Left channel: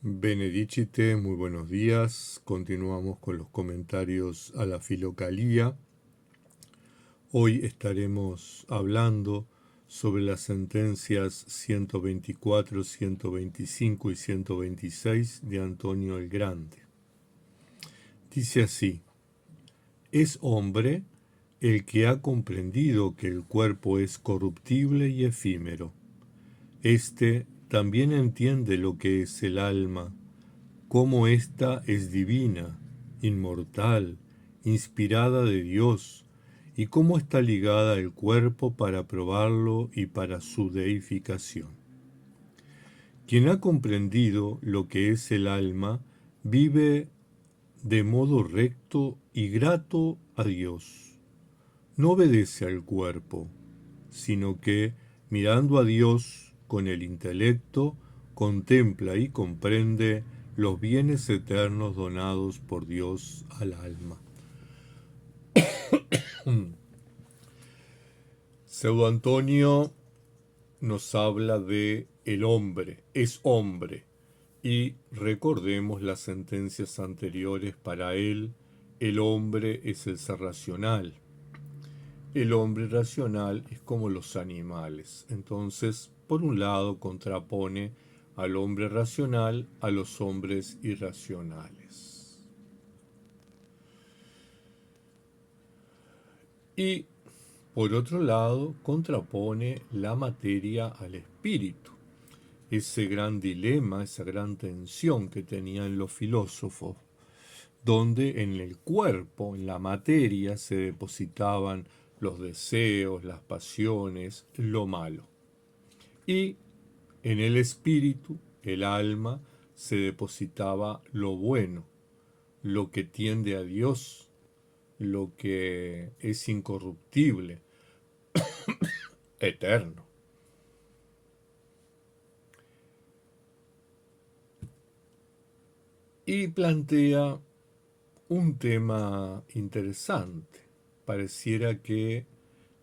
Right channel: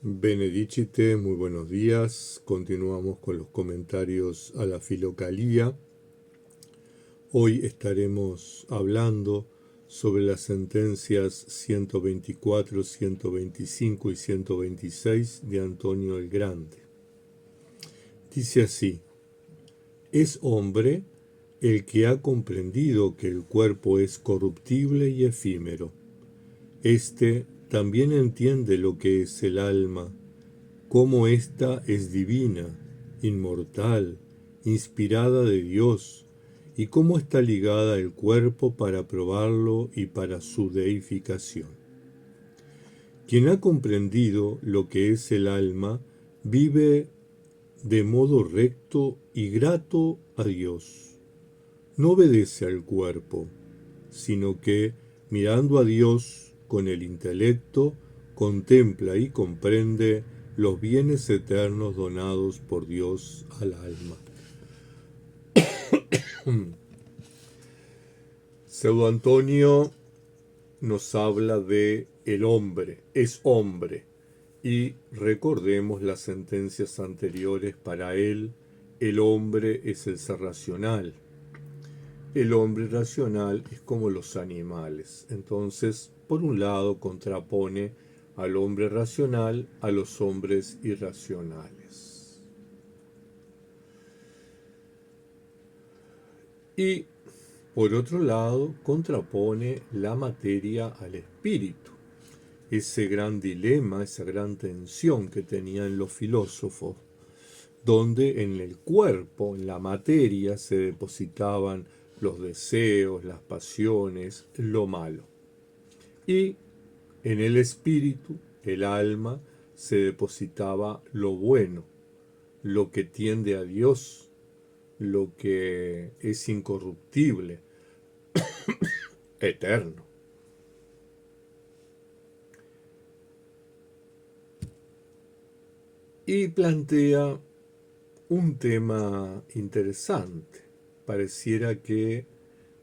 Benedicite, muy buenos días. Continuamos con los comentarios a la Filocalía. Hoy estaremos hablando sobre las sentencias 124, 125 y 126 de Antonio el Grande. Dice así: es hombre el que ha comprendido que el cuerpo es corruptible y efímero. Este también entiende lo que es el alma, cómo ésta es divina, inmortal, inspirada de Dios, y cómo está ligada al cuerpo para probarlo y para su deificación. Quien ha comprendido lo que es el alma, vive de modo recto y grato a Dios. No obedece al cuerpo, sino que, mirando a Dios con el intelecto, contempla y comprende los bienes eternos donados por Dios al alma. Pseudo Antonio nos habla de el hombre, es hombre, y recordemos las sentencias anteriores. Para él, el hombre es el ser racional. El hombre racional es como los animales. Entonces, por un lado, contrapone al hombre racional a los hombres irracionales. Y, por otro lado, contrapone la materia al espíritu. Ese gran dilema, esa gran tensión que tenían los filósofos, donde en el cuerpo, en la materia, se depositaban los deseos, las pasiones, lo malo. Y en el espíritu, el alma, se depositaba lo bueno, lo que tiende a Dios, lo que es incorruptible, eterno. Y plantea un tema interesante. Pareciera que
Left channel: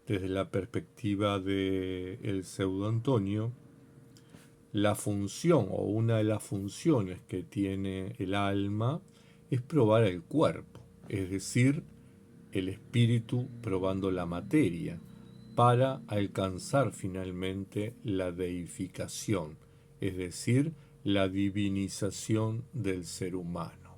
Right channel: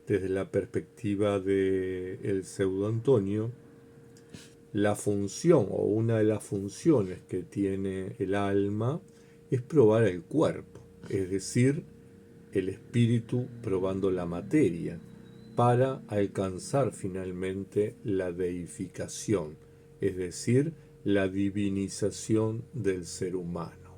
desde la perspectiva del pseudo Antonio, la función o una de las funciones que tiene el alma es probar el cuerpo, es decir, el espíritu probando la materia, para alcanzar finalmente la deificación, es decir, la divinización del ser humano.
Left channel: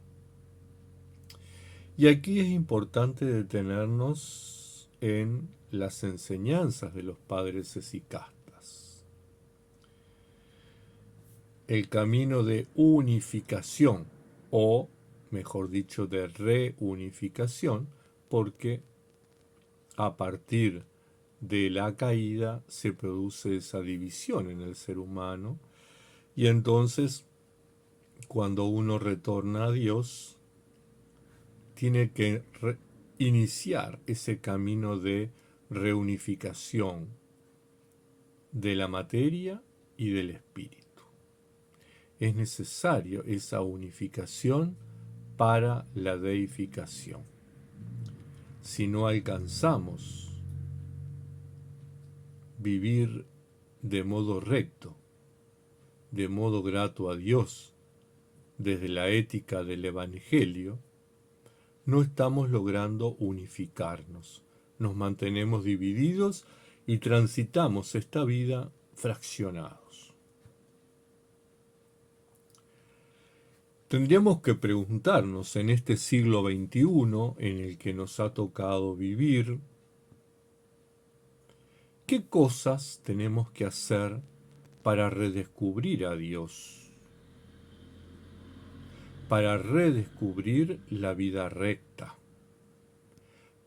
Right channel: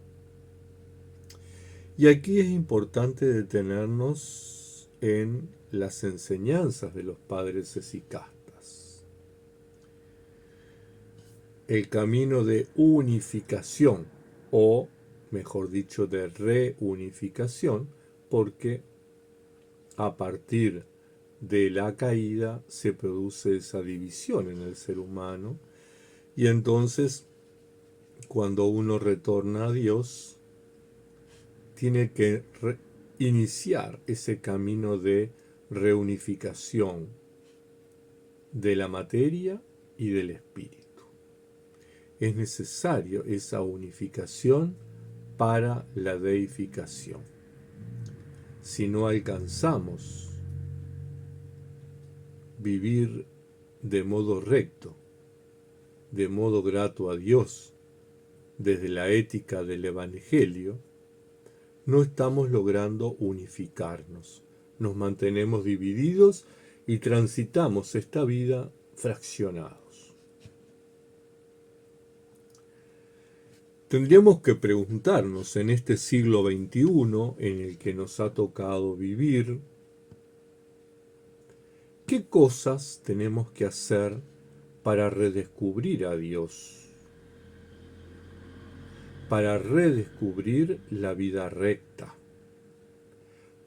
Y aquí es importante detenernos en las enseñanzas de los padres esicastas. El camino de unificación, o mejor dicho, de reunificación, porque a partir de la caída se produce esa división en el ser humano, y entonces cuando uno retorna a Dios, tiene que iniciar ese camino de reunificación de la materia y del espíritu. Es necesario esa unificación para la deificación. Si no alcanzamos vivir de modo recto, de modo grato a Dios, desde la ética del Evangelio, no estamos logrando unificarnos. Nos mantenemos divididos y transitamos esta vida fraccionados. Tendríamos que preguntarnos en este siglo XXI en el que nos ha tocado vivir, ¿qué cosas tenemos que hacer para redescubrir a Dios? Para redescubrir la vida recta,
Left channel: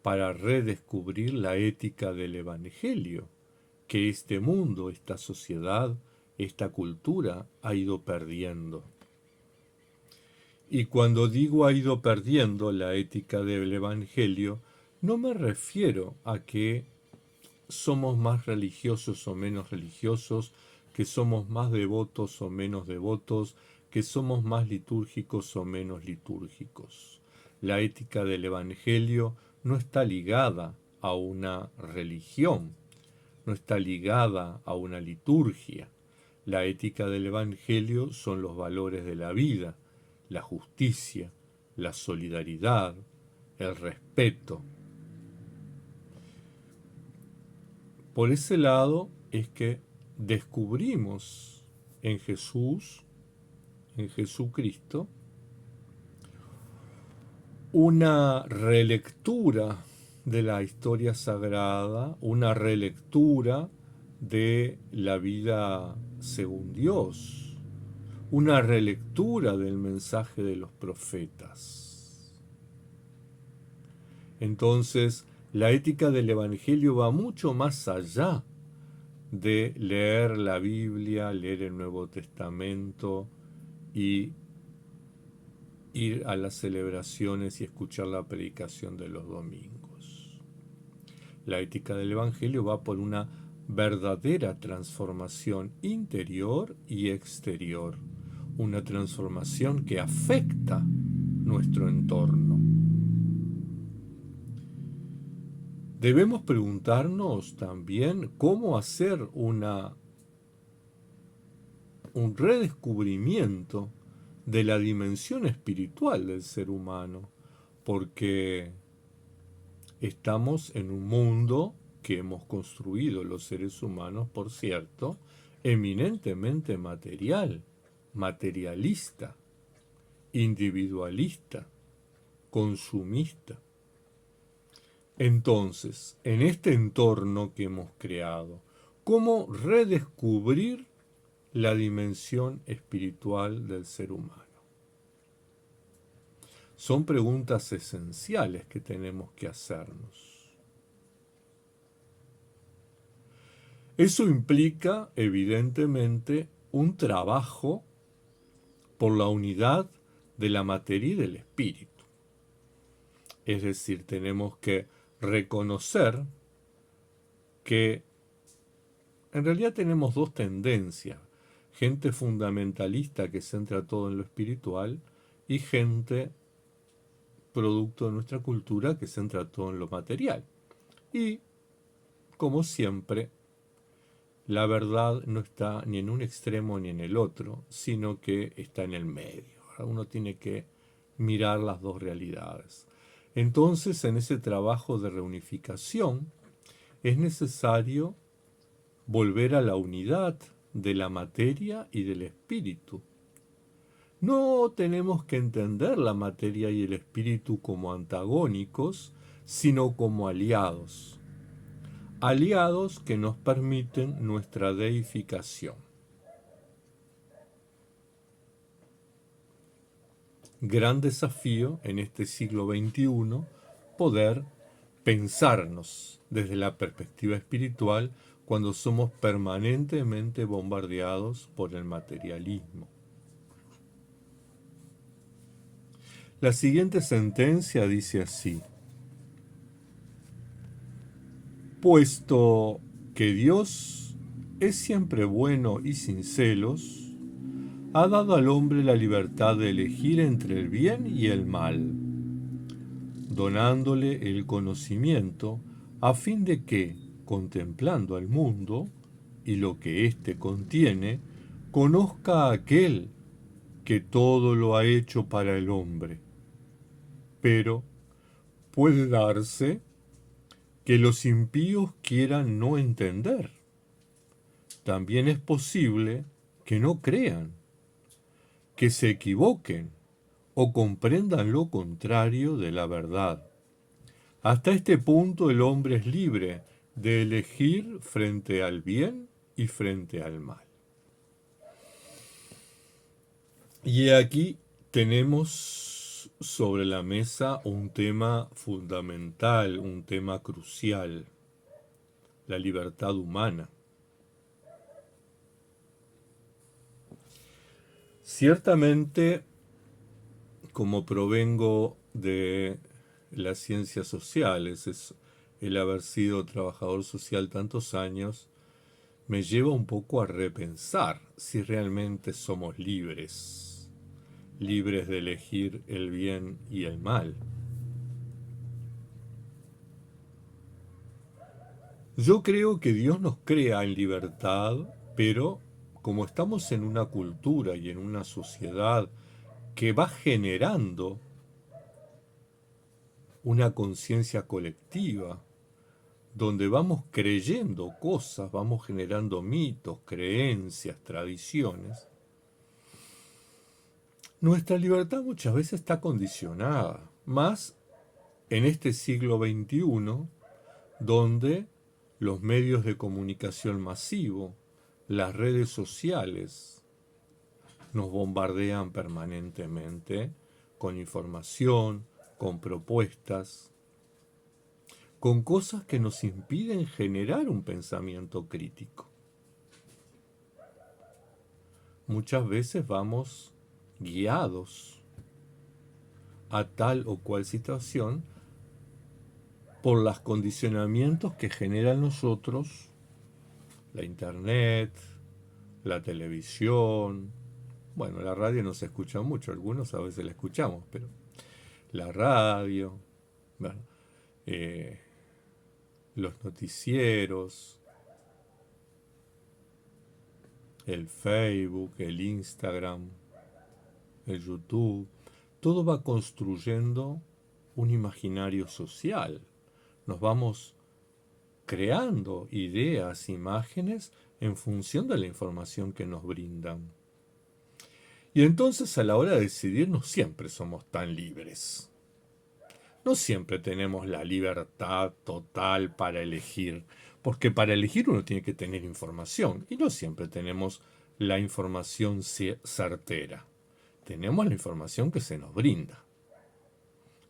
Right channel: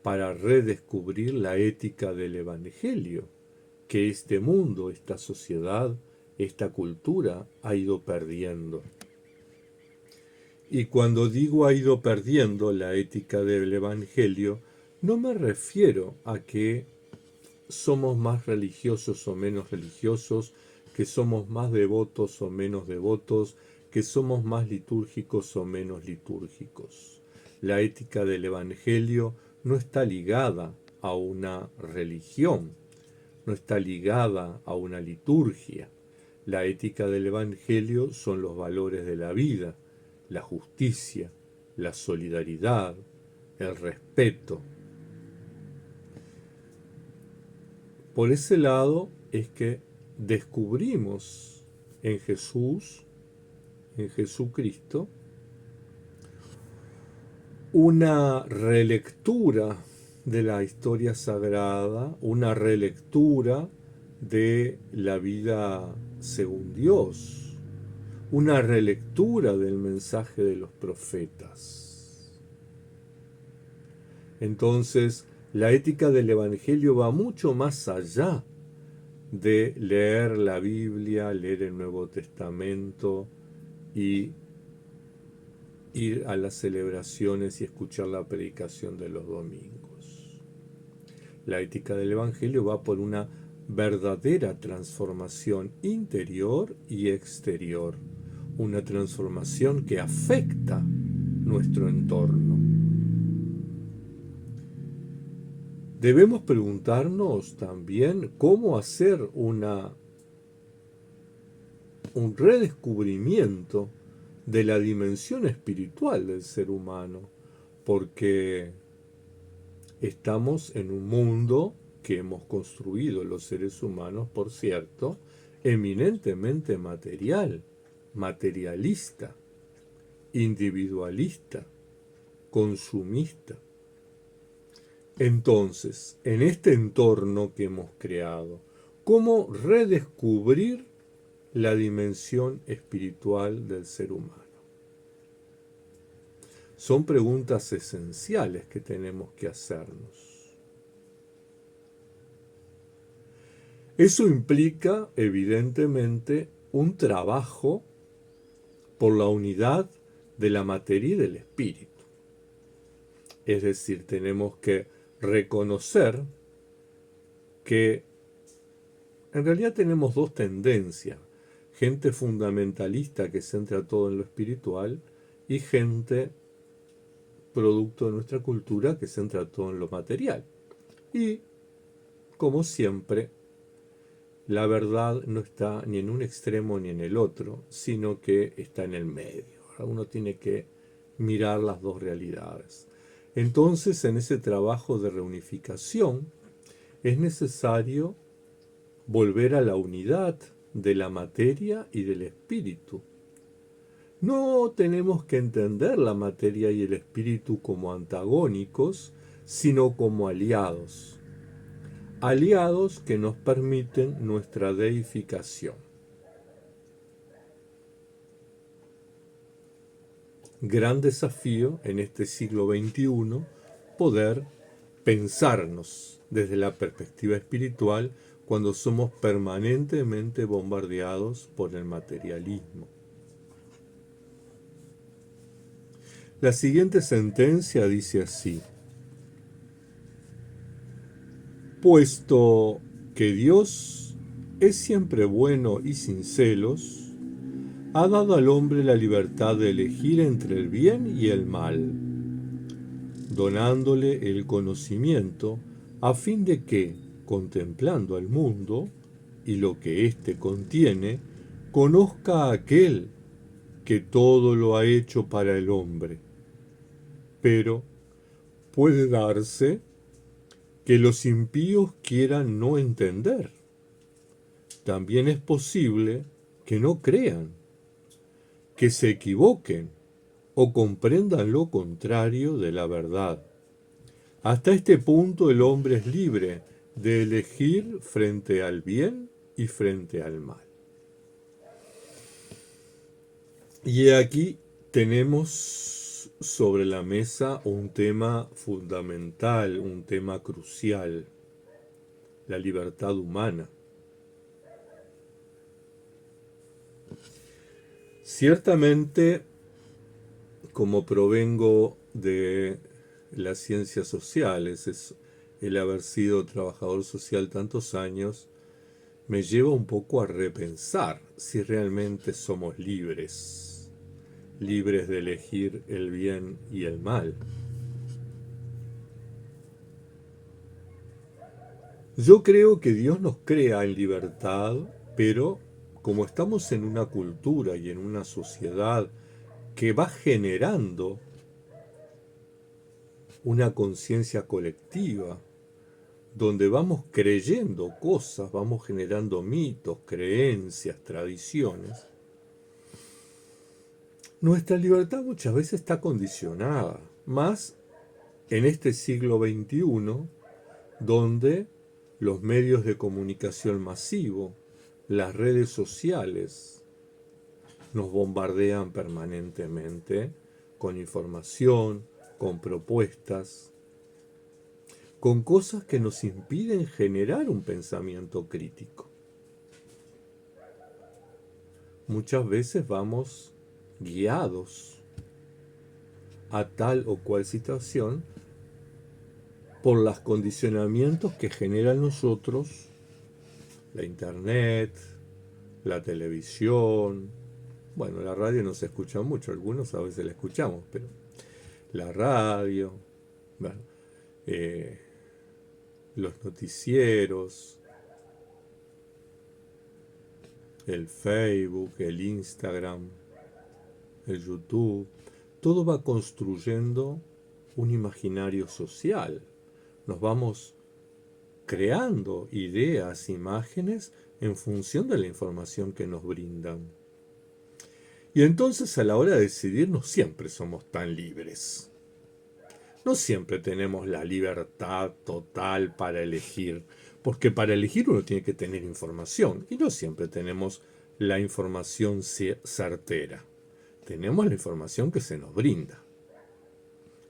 para redescubrir la ética del Evangelio, que este mundo, esta sociedad, esta cultura ha ido perdiendo. Y cuando digo ha ido perdiendo la ética del Evangelio, no me refiero a que somos más religiosos o menos religiosos, que somos más devotos o menos devotos, que somos más litúrgicos o menos litúrgicos. La ética del Evangelio no está ligada a una religión, no está ligada a una liturgia. La ética del Evangelio son los valores de la vida, la justicia, la solidaridad, el respeto. Por ese lado es que descubrimos en Jesús, en Jesucristo, una relectura de la historia sagrada, una relectura de la vida según Dios, una relectura del mensaje de los profetas. Entonces, la ética del Evangelio va mucho más allá de leer la Biblia, leer el Nuevo Testamento y ir a las celebraciones y escuchar la predicación de los domingos. La ética del Evangelio va por una verdadera transformación interior y exterior, una transformación que afecta nuestro entorno. Debemos preguntarnos también cómo hacer un redescubrimiento de la dimensión espiritual del ser humano, porque estamos en un mundo que hemos construido los seres humanos, por cierto, eminentemente material, materialista, individualista, consumista. Entonces, en este entorno que hemos creado, ¿cómo redescubrir la dimensión espiritual del ser humano? Son preguntas esenciales que tenemos que hacernos. Eso implica, evidentemente, un trabajo por la unidad de la materia y del espíritu. Es decir, tenemos que reconocer que en realidad tenemos dos tendencias: gente fundamentalista que centra todo en lo espiritual y gente producto de nuestra cultura que centra todo en lo material. Y, como siempre, la verdad no está ni en un extremo ni en el otro, sino que está en el medio. Uno tiene que mirar las dos realidades. Entonces, en ese trabajo de reunificación, es necesario volver a la unidad de la materia y del espíritu. No tenemos que entender la materia y el espíritu como antagónicos, sino como aliados. Aliados que nos permiten nuestra deificación. Gran desafío en este siglo XXI, poder pensarnos desde la perspectiva espiritual cuando somos permanentemente bombardeados por el materialismo. La siguiente sentencia dice así: puesto que Dios es siempre bueno y sin celos, ha dado al hombre la libertad de elegir entre el bien y el mal, donándole el conocimiento a fin de que, contemplando al mundo y lo que éste contiene, conozca a aquel que todo lo ha hecho para el hombre. Pero puede darse que los impíos quieran no entender. También es posible que no crean, que se equivoquen o comprendan lo contrario de la verdad. Hasta este punto el hombre es libre de elegir frente al bien y frente al mal. Y aquí tenemos sobre la mesa un tema fundamental, un tema crucial: la libertad humana. Ciertamente, como provengo de las ciencias sociales, el haber sido trabajador social tantos años, me lleva un poco a repensar si realmente somos libres de elegir el bien y el mal. Yo creo que Dios nos crea en libertad, pero como estamos en una cultura y en una sociedad que va generando una conciencia colectiva, donde vamos creyendo cosas, vamos generando mitos, creencias, tradiciones, nuestra libertad muchas veces está condicionada, más en este siglo XXI, donde los medios de comunicación masivo, las redes sociales, nos bombardean permanentemente con información, con propuestas, con cosas que nos impiden generar un pensamiento crítico. Muchas veces vamos guiados a tal o cual situación por los condicionamientos que generan nosotros la internet, la televisión. Bueno, la radio no se escucha mucho, algunos a veces la escuchamos, pero la radio, bueno, los noticieros, el Facebook, el Instagram, el YouTube, todo va construyendo un imaginario social. Nos vamos creando ideas, imágenes en función de la información que nos brindan. Y entonces a la hora de decidir no siempre somos tan libres. No siempre tenemos la libertad total para elegir, porque para elegir uno tiene que tener información y no siempre tenemos la información certera. Tenemos la información que se nos brinda.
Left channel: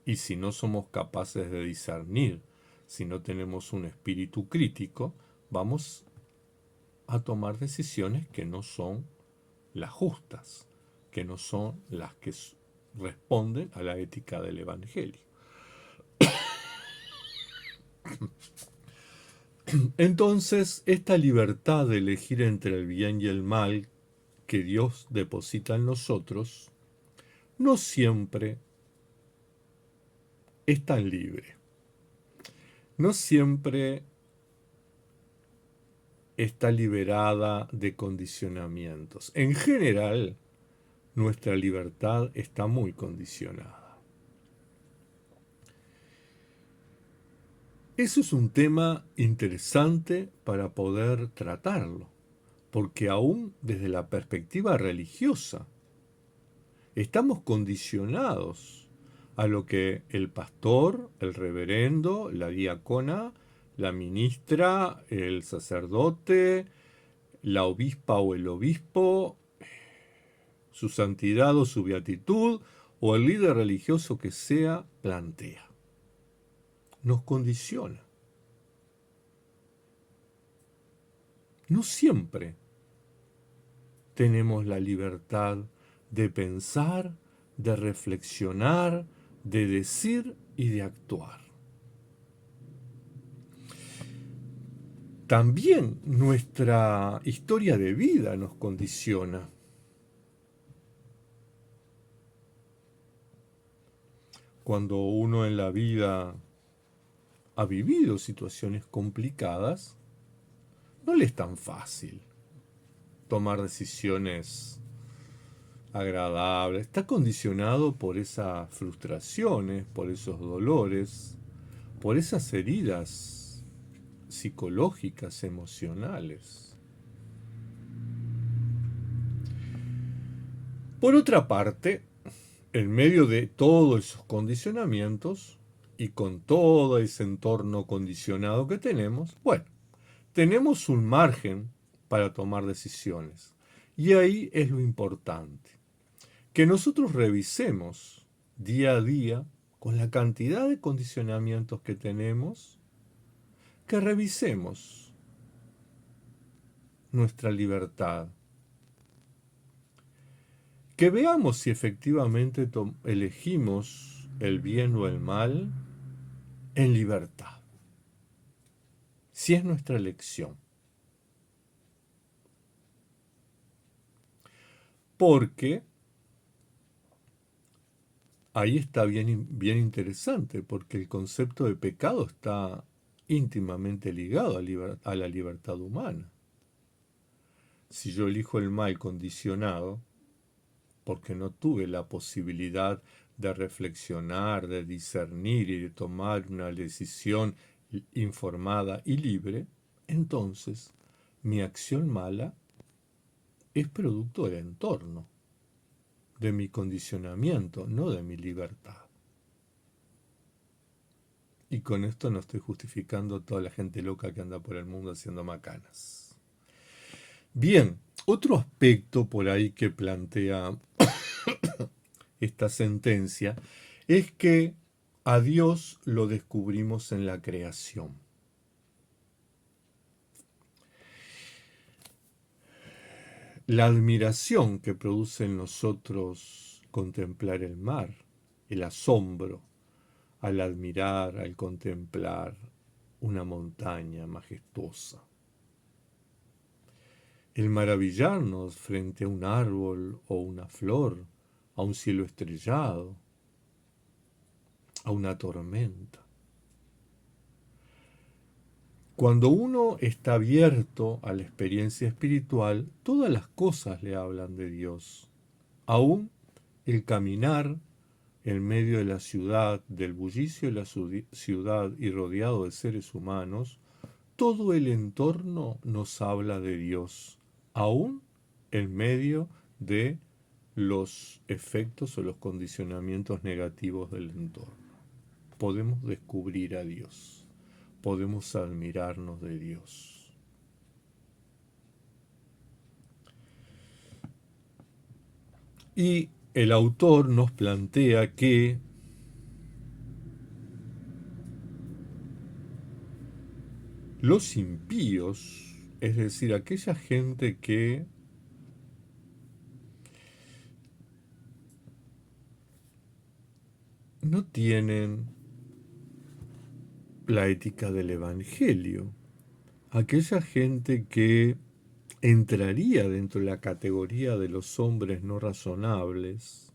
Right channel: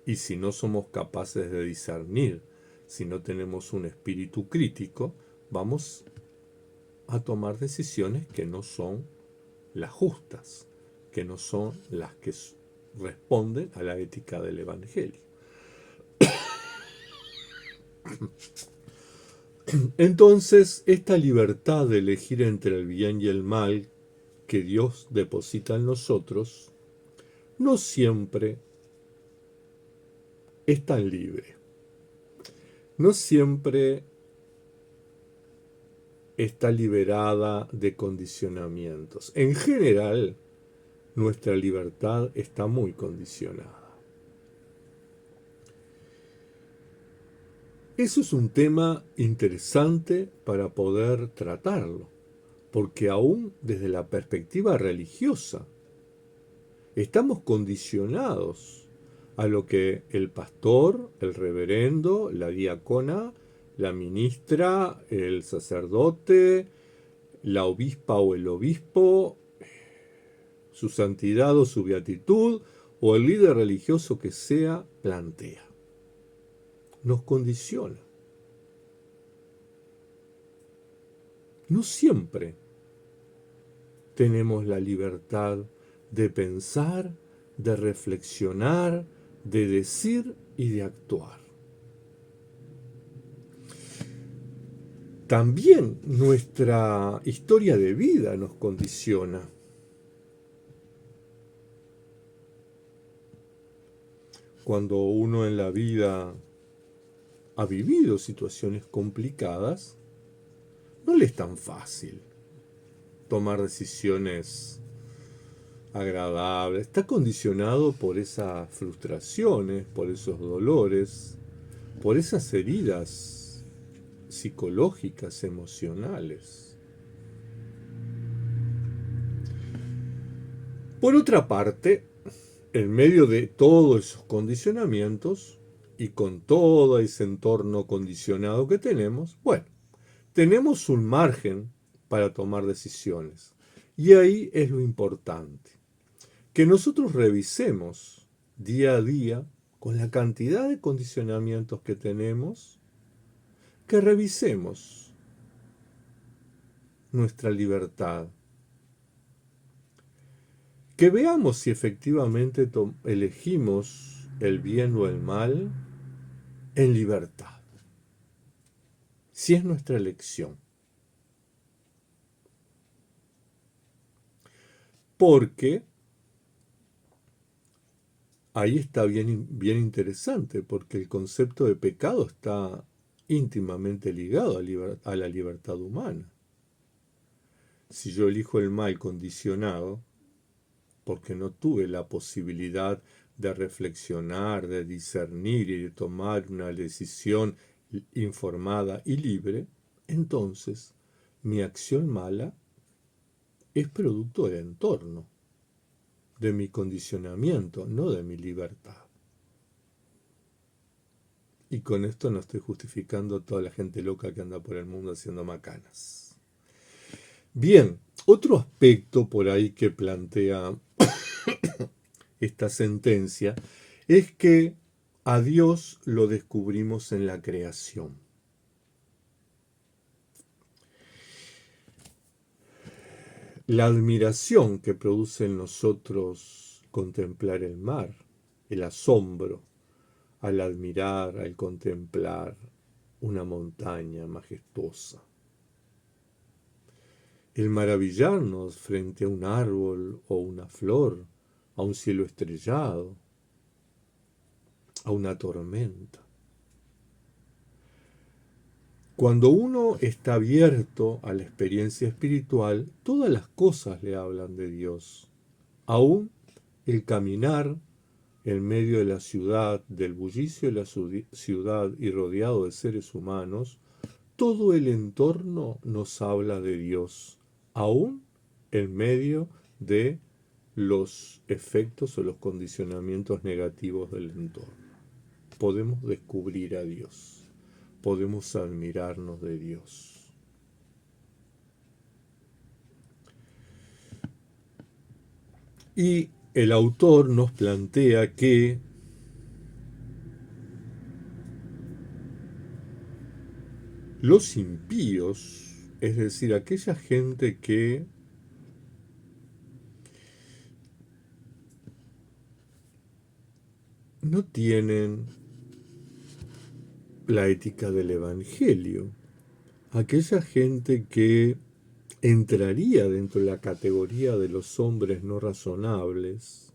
Y si no somos capaces de discernir, si no tenemos un espíritu crítico, vamos a tomar decisiones que no son las justas, que no son las que responden a la ética del Evangelio. Entonces, esta libertad de elegir entre el bien y el mal que Dios deposita en nosotros, no siempre es tan libre. No siempre está liberada de condicionamientos. En general, nuestra libertad está muy condicionada. Eso es un tema interesante para poder tratarlo, porque aún desde la perspectiva religiosa, estamos condicionados a lo que el pastor, el reverendo, la diácona, la ministra, el sacerdote, la obispa o el obispo, su santidad o su beatitud, o el líder religioso que sea, plantea. Nos condiciona. No siempre tenemos la libertad de pensar, de reflexionar, de decir y de actuar. También nuestra historia de vida nos condiciona. Cuando uno en la vida ha vivido situaciones complicadas, no le es tan fácil tomar decisiones agradables. Está condicionado por esas frustraciones, por esos dolores, por esas heridas psicológicas, emocionales. Por otra parte, en medio de todos esos condicionamientos y con todo ese entorno condicionado que tenemos, bueno, tenemos un margen para tomar decisiones. Y ahí es lo importante, que nosotros revisemos día a día, con la cantidad de condicionamientos que tenemos, que revisemos nuestra libertad. Que veamos si efectivamente elegimos el bien o el mal en libertad. Si es nuestra elección. Porque ahí está bien interesante, porque el concepto de pecado está íntimamente ligado a la libertad humana. si yo elijo el mal condicionado, porque no tuve la posibilidad de reflexionar, de discernir y de tomar una decisión informada y libre, entonces mi acción mala es producto del entorno, de mi condicionamiento, no de mi libertad. Y con esto no estoy justificando a toda la gente loca que anda por el mundo haciendo macanas. Bien, otro aspecto por ahí que plantea esta sentencia es que a Dios lo descubrimos en la creación. La admiración que produce en nosotros contemplar el mar, el asombro al admirar, al contemplar una montaña majestuosa, el maravillarnos frente a un árbol o una flor, a un cielo estrellado, a una tormenta. Cuando uno está abierto a la experiencia espiritual, todas las cosas le hablan de Dios. Aún el caminar en medio de la ciudad, del bullicio de la ciudad y rodeado de seres humanos, todo el entorno nos habla de Dios, aún en medio de los efectos o los condicionamientos negativos del entorno. Podemos descubrir a Dios. Podemos admirarnos de Dios. Y el autor nos plantea que los impíos, es decir, aquella gente que no tienen la ética del Evangelio, aquella gente que entraría dentro de la categoría de los hombres no razonables.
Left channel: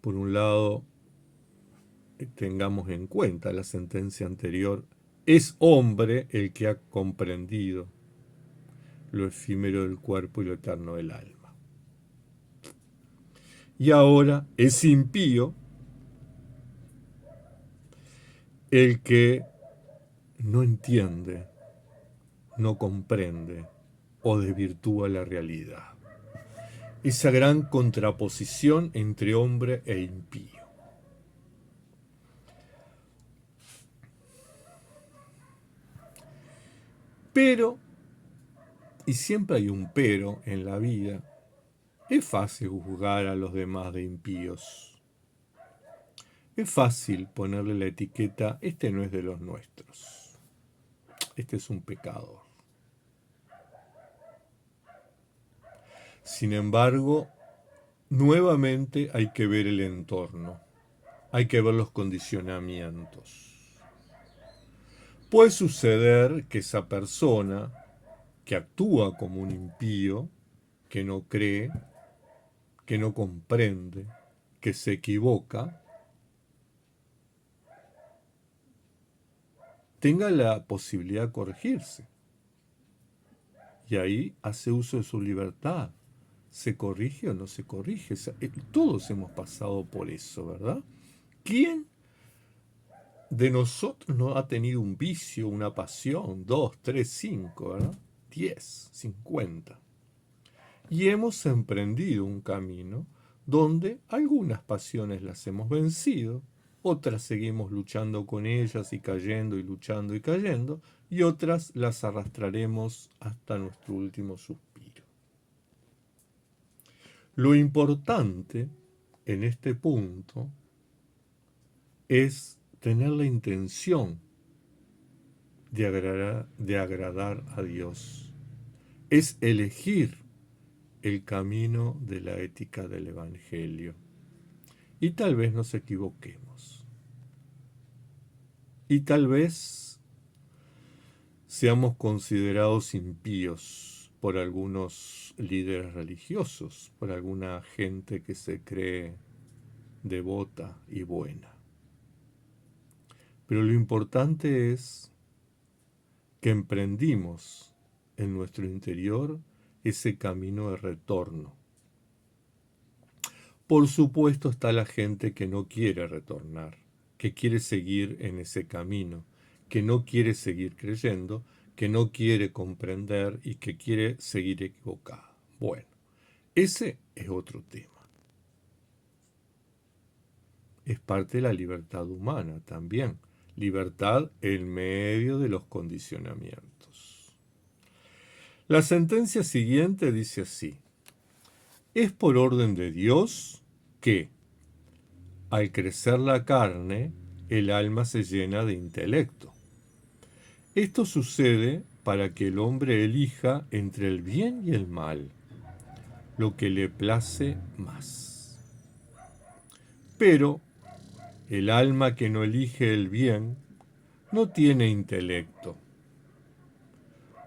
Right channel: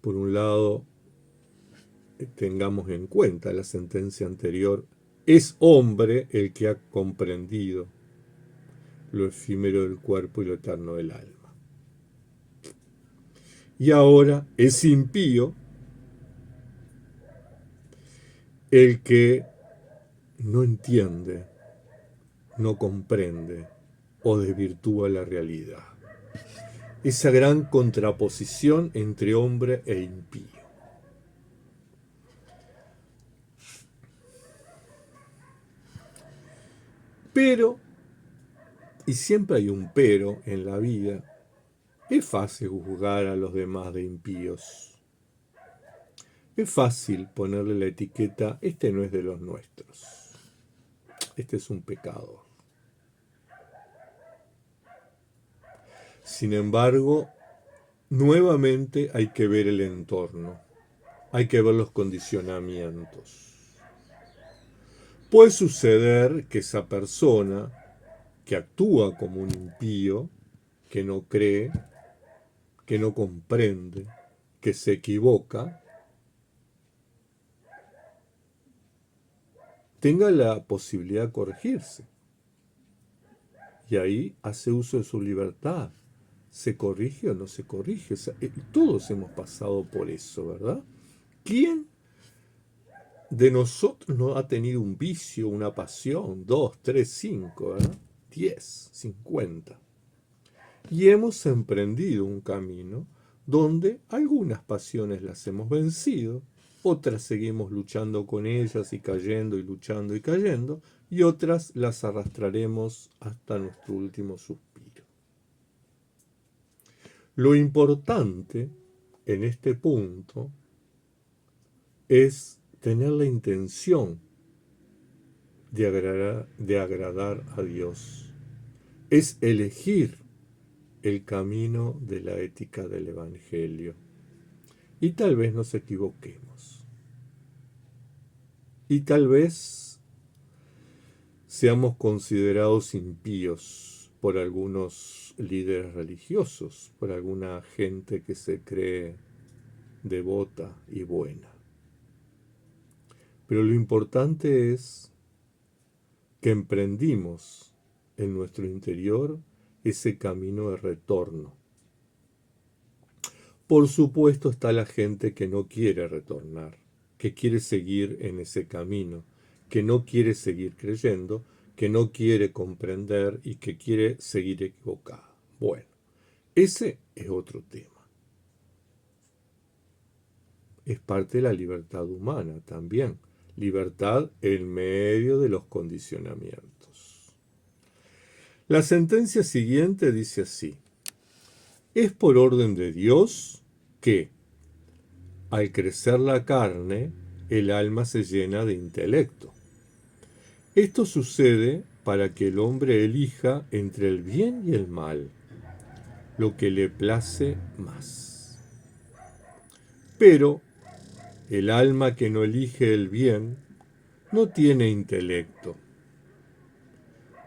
Por un lado, tengamos en cuenta la sentencia anterior, es hombre el que ha comprendido lo efímero del cuerpo y lo eterno del alma. Y ahora es impío el que no entiende, no comprende o desvirtúa la realidad. Esa gran contraposición entre hombre e impío. Pero, y siempre hay un pero en la vida, es fácil juzgar a los demás de impíos. Es fácil ponerle la etiqueta, este no es de los nuestros, este es un pecador. Sin embargo, nuevamente hay que ver el entorno, hay que ver los condicionamientos. Puede suceder que esa persona que actúa como un impío, que no cree, que no comprende, que se equivoca, tenga la posibilidad de corregirse. Y ahí hace uso de su libertad. ¿Se corrige o no se corrige? Todos hemos pasado por eso, ¿verdad? ¿Quién de nosotros no ha tenido un vicio, una pasión? 2, 3, 5, ¿verdad? 10, 50. Y hemos emprendido un camino donde algunas pasiones las hemos vencido, otras seguimos luchando con ellas y cayendo y luchando y cayendo, y otras las arrastraremos hasta nuestro último suspiro. Lo importante en este punto es tener la intención de agradar a Dios. Es elegir el camino de la ética del Evangelio. Y tal vez nos equivoquemos. Y tal vez seamos considerados impíos por algunos líderes religiosos, por alguna gente que se cree devota y buena. Pero lo importante es que emprendimos en nuestro interior ese camino de retorno. Por supuesto está la gente que no quiere retornar, que quiere seguir en ese camino, que no quiere seguir creyendo, que no quiere comprender y que quiere seguir equivocada. Bueno, ese es otro tema. Es parte de la libertad humana también. Libertad en medio de los condicionamientos. La sentencia siguiente dice así: es por orden de Dios que, al crecer la carne, el alma se llena de intelecto. Esto sucede para que el hombre elija entre el bien y el mal, lo que le place más. Pero el alma que no elige el bien no tiene intelecto,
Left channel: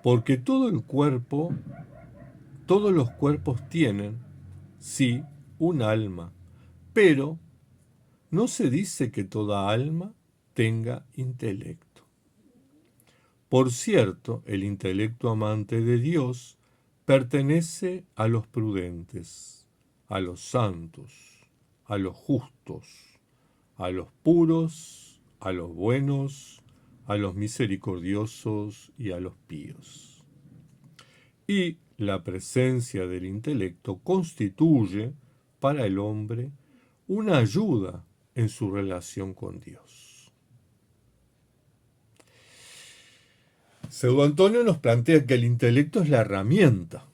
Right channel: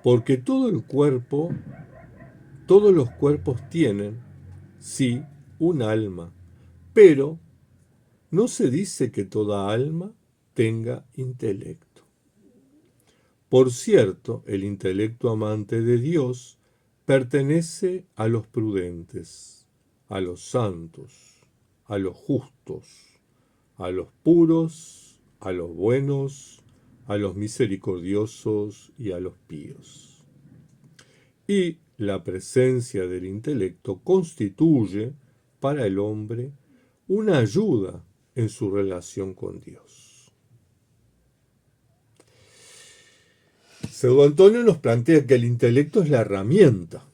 porque todos los cuerpos tienen, sí, un alma, pero no se dice que toda alma tenga intelecto. Por cierto, el intelecto amante de Dios pertenece a los prudentes, a los santos, a los justos, a los puros, a los buenos, a los misericordiosos y a los píos. Y la presencia del intelecto constituye para el hombre una ayuda en su relación con Dios. Pseudo Antonio nos plantea que el intelecto es la herramienta,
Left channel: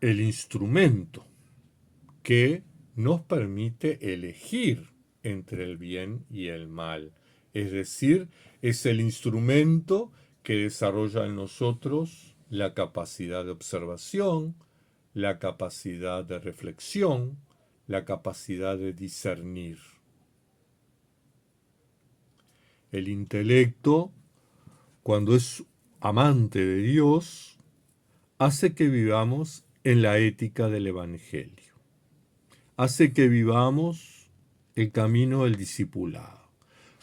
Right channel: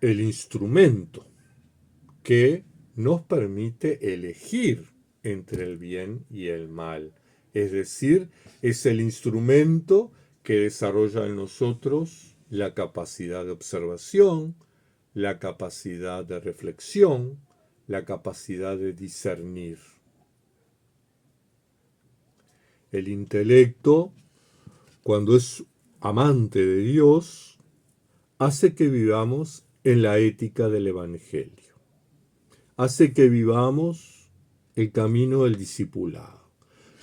el instrumento que nos permite elegir entre el bien y el mal. Es decir, es el instrumento que desarrolla en nosotros la capacidad de observación, la capacidad de reflexión, la capacidad de discernir. El intelecto, cuando es amante de Dios, hace que vivamos en la ética del Evangelio. Hace que vivamos el camino del discipulado.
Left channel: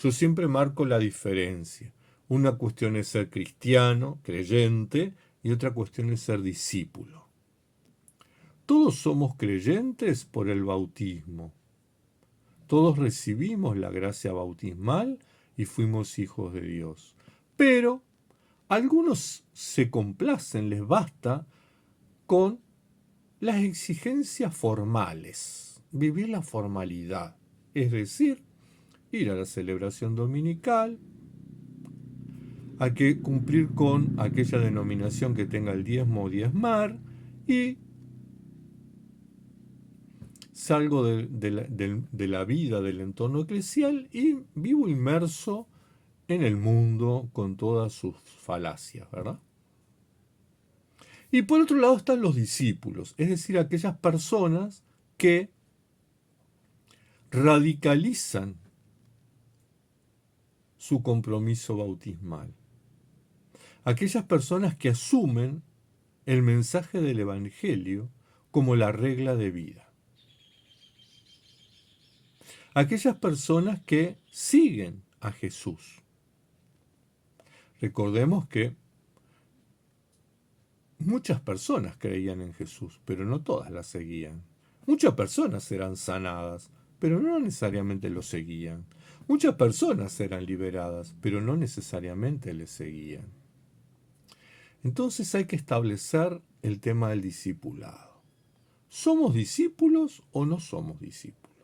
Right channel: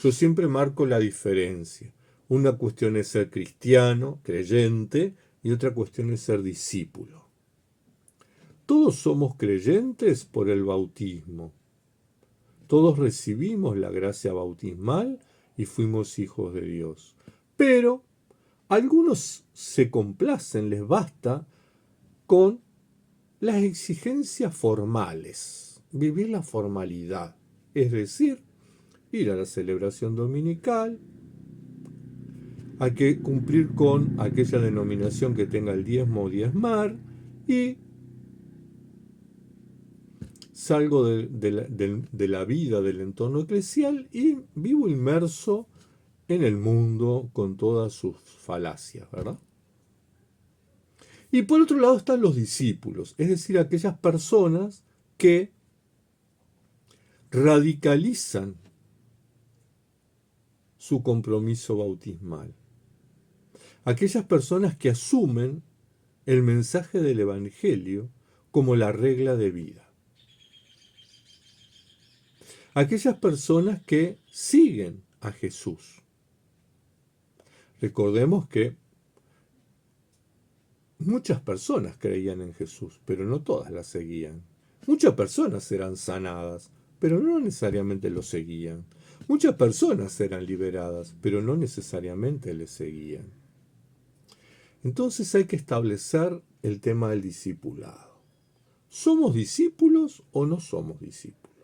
Yo siempre marco la diferencia. Una cuestión es ser cristiano, creyente, y otra cuestión es ser discípulo. Todos somos creyentes por el bautismo. Todos recibimos la gracia bautismal y fuimos hijos de Dios. Pero algunos se complacen, les basta con las exigencias formales, vivir la formalidad, es decir, ir a la celebración dominical, hay que cumplir con aquella denominación que tenga el diezmo o diezmar, y salgo de la vida del entorno eclesial y vivo inmerso en el mundo con todas sus falacias, ¿verdad? Y por otro lado están los discípulos, es decir, aquellas personas que radicalizan su compromiso bautismal. Aquellas personas que asumen el mensaje del Evangelio como la regla de vida. Aquellas personas que siguen a Jesús. Recordemos que muchas personas creían en Jesús, pero no todas la seguían. Muchas personas eran sanadas, pero no necesariamente lo seguían. Muchas personas eran liberadas, pero no necesariamente le seguían. Entonces hay que establecer el tema del discipulado. ¿Somos discípulos o no somos discípulos?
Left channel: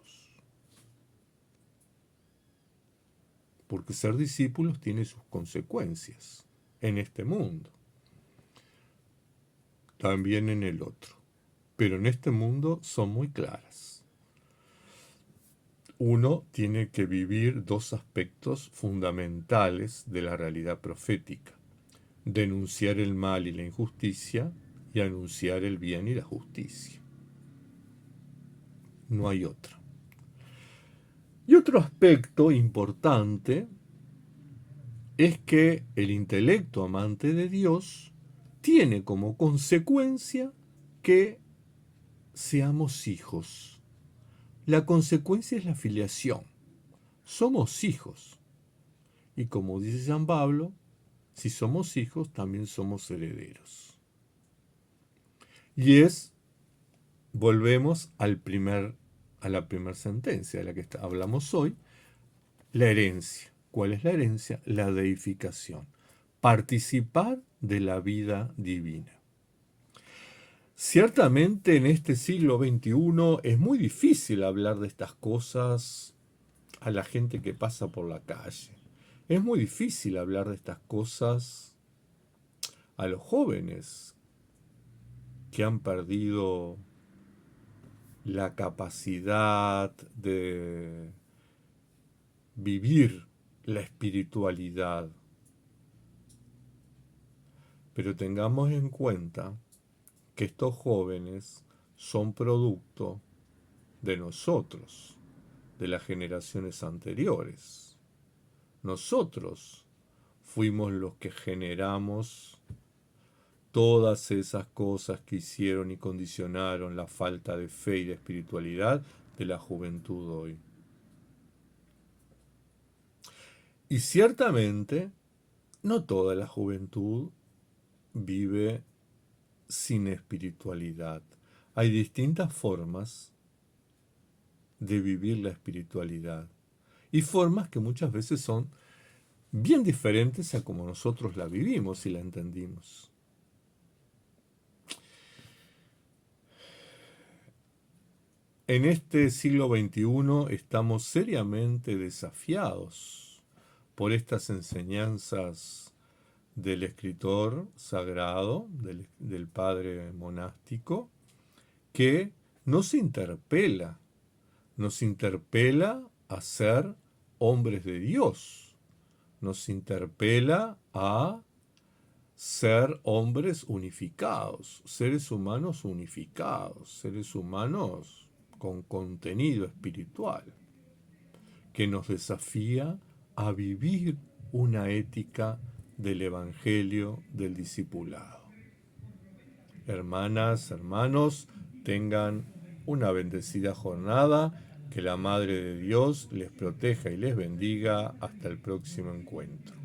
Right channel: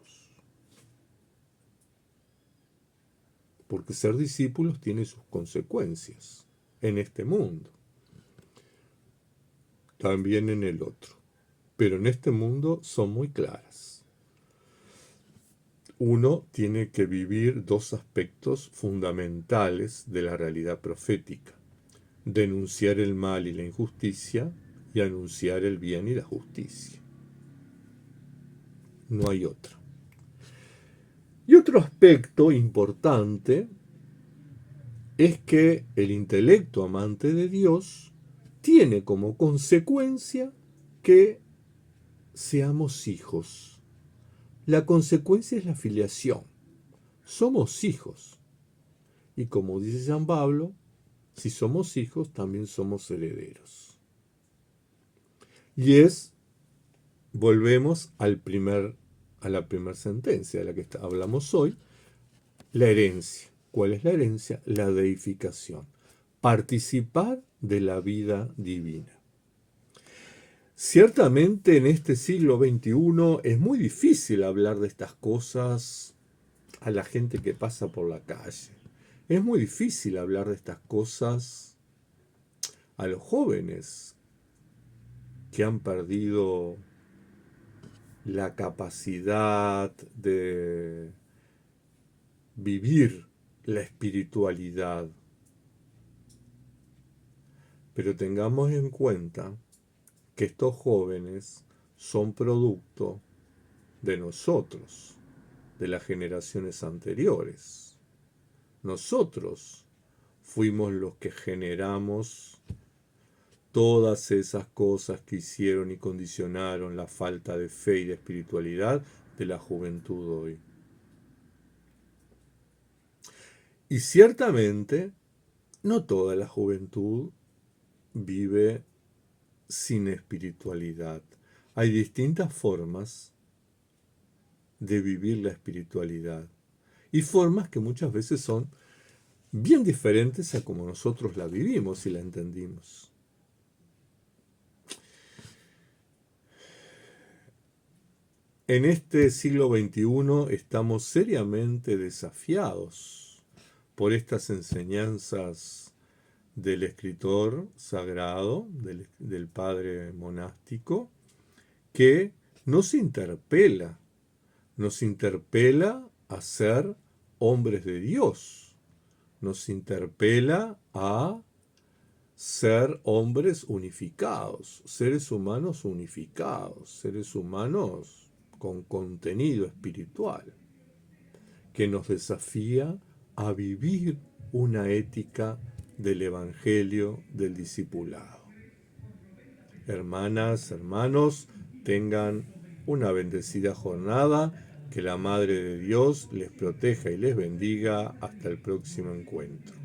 Porque ser discípulos tiene sus consecuencias en este mundo, también en el otro, pero en este mundo son muy claras. Uno tiene que vivir dos aspectos fundamentales de la realidad profética: denunciar el mal y la injusticia y anunciar el bien y la justicia. No hay otra. Y otro aspecto importante es que el intelecto amante de Dios tiene como consecuencia que seamos hijos. La consecuencia es la filiación. Somos hijos. Y como dice San Pablo, si somos hijos, también somos herederos. Y volvemos a la primera sentencia de la que hablamos hoy, la herencia. ¿Cuál es la herencia? La deificación. Participar de la vida divina. Ciertamente en este siglo XXI es muy difícil hablar de estas cosas a la gente que pasa por la calle. Es muy difícil hablar de estas cosas a los jóvenes que han perdido la capacidad de vivir la espiritualidad. Pero tengamos en cuenta que estos jóvenes son producto de nosotros, de las generaciones anteriores. Nosotros fuimos los que generamos todas esas cosas que hicieron y condicionaron la falta de fe y de espiritualidad de la juventud hoy. Y ciertamente, no toda la juventud vive sin espiritualidad. Hay distintas formas de vivir la espiritualidad y formas que muchas veces son bien diferentes a como nosotros la vivimos y la entendimos. En este siglo XXI estamos seriamente desafiados por estas enseñanzas del escritor sagrado, del padre monástico, que nos interpela a ser hombres de Dios, nos interpela a ser hombres unificados, seres humanos unificados, seres humanos con contenido espiritual, que nos desafía a vivir una ética del Evangelio del discipulado. Hermanas, hermanos, tengan una bendecida jornada, que la Madre de Dios les proteja y les bendiga hasta el próximo encuentro.